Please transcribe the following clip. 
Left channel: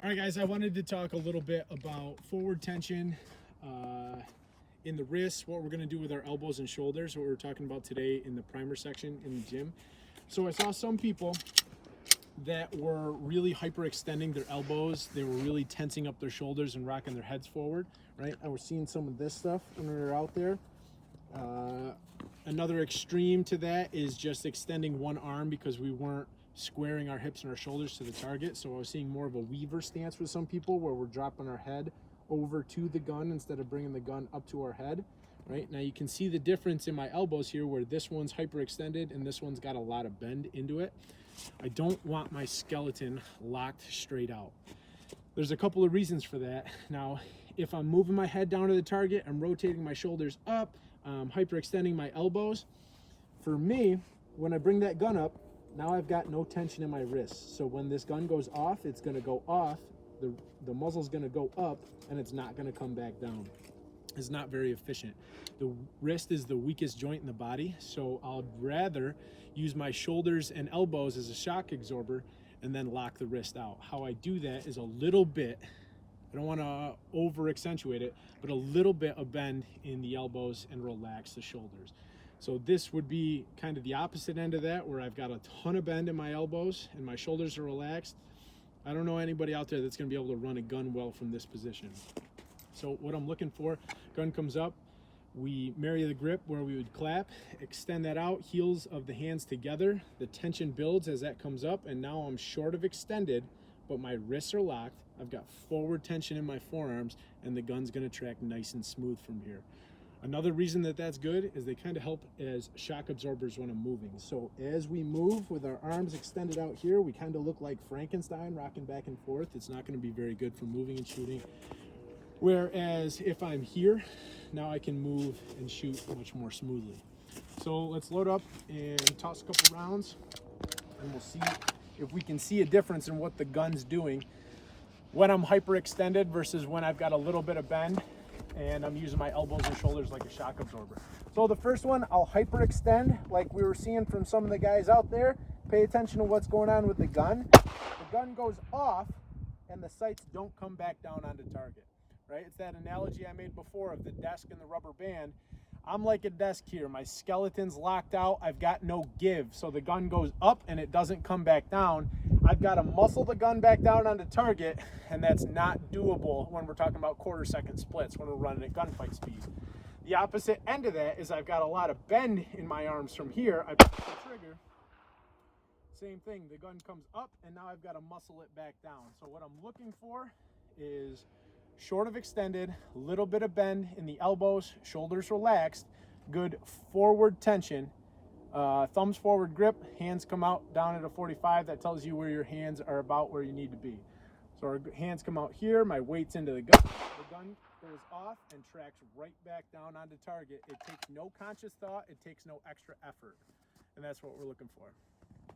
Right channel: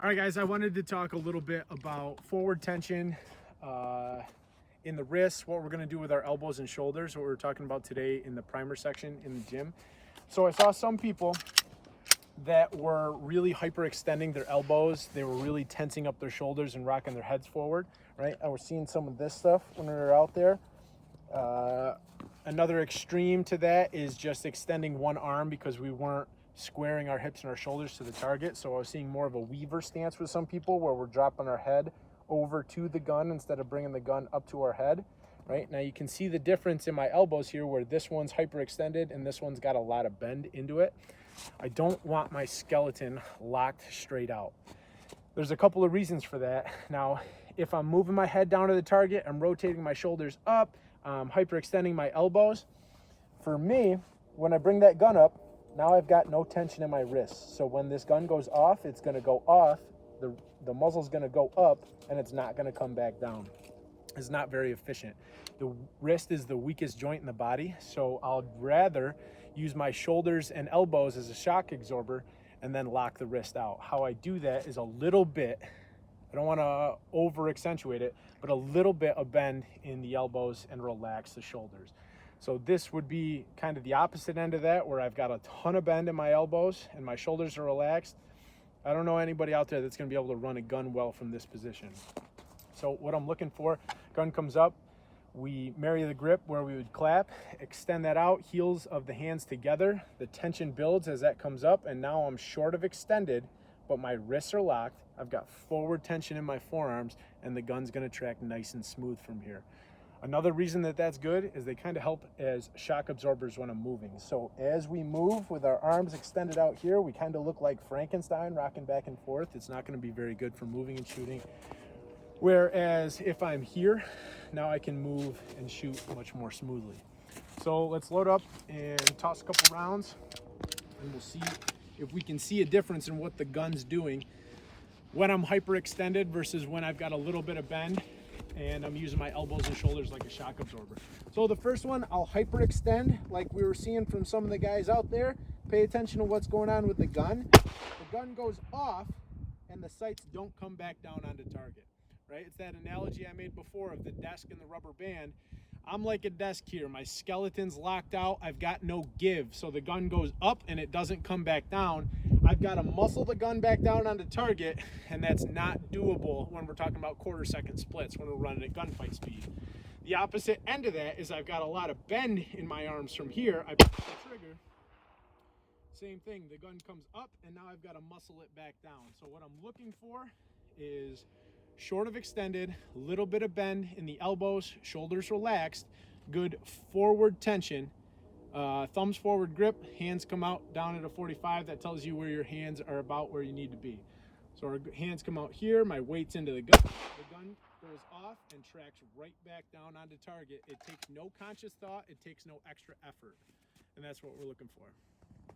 All right, guys, I wanted to talk a little bit about forward tension in the wrists, what we're going to do with our elbows and shoulders, what we were talking about today in the primer section in the gym. So I saw some people that were really hyperextending their elbows. They were really tensing up their shoulders and rocking their heads forward, right? I was seeing some of this stuff when we were out there. Another extreme to that is just extending one arm because we weren't squaring our hips and our shoulders to the target. So I was seeing more of a weaver stance with some people where we're dropping our head over to the gun instead of bringing the gun up to our head. Right now you can see the difference in my elbows here where this one's hyperextended and this one's got a lot of bend into it. I don't want my skeleton locked straight out. There's a couple of reasons for that. Now, if I'm moving my head down to the target, I'm rotating my shoulders up, hyperextending my elbows. For me, when I bring that gun up, now I've got no tension in my wrists. So when this gun goes off, it's gonna go off, the muzzle's gonna go up, and it's not gonna come back down. It's not very efficient. The wrist is the weakest joint in the body, so I'll rather use my shoulders and elbows as a shock absorber and then lock the wrist out. How I do that is a little bit, I don't wanna over accentuate it, but a little bit of bend in the elbows and relax the shoulders. So this would be kind of the opposite end of that, where I've got a ton of bend in my elbows and my shoulders are relaxed. I don't know anybody out there that's gonna be able to run a gun well from this position. So what I'm looking for, gun comes up, we marry the grip where we would clap, extend that out, heels of the hands together. The tension builds as that comes up, and now I'm short of extended, but my wrists are locked. I've got forward tension in my forearms, and the gun's gonna track nice and smooth from here. Another reason that that's good is they kind of help as shock absorbers when I'm moving. So as we move with our arms extended out here, we kind of look like Frankenstein rocking back and forth. It's not going to be very good for moving and shooting. Whereas if I'm here, now I can move and shoot much more smoothly. So let's load up and toss a couple rounds, and we'll see if we can see a difference in what the gun's doing when I'm hyperextended versus when I've got a little bit of bend and I'm using my elbows and shoulders like a shock absorber. So the first one, I'll hyperextend like we were seeing from some of the guys out there. Pay attention to what's going on with the gun. The gun goes off and the sights don't come back down onto target, right? It's that analogy I made before of the desk and the rubber band. I'm like a desk here. My skeleton's locked out. I've got no give. So the gun goes up and it doesn't come back down. I've got to muscle the gun back down onto target, and that's not doable when we're talking about quarter-second splits when we're running at gunfight speed. The opposite end of that is I've got a lot of bend in my arms from here. I press the trigger. Same thing. The gun comes up, and now I've got to muscle it back down. So what I'm looking for is short of extended, a little bit of bend in the elbows, shoulders relaxed, good forward tension, thumbs forward grip, hands come out down at a 45. That tells you where your hands are about where you need to be. So our hands come out here, my weight's into the gun goes off and tracks right back down onto target. It takes no conscious thought, it takes no extra effort, and that's what we're looking for.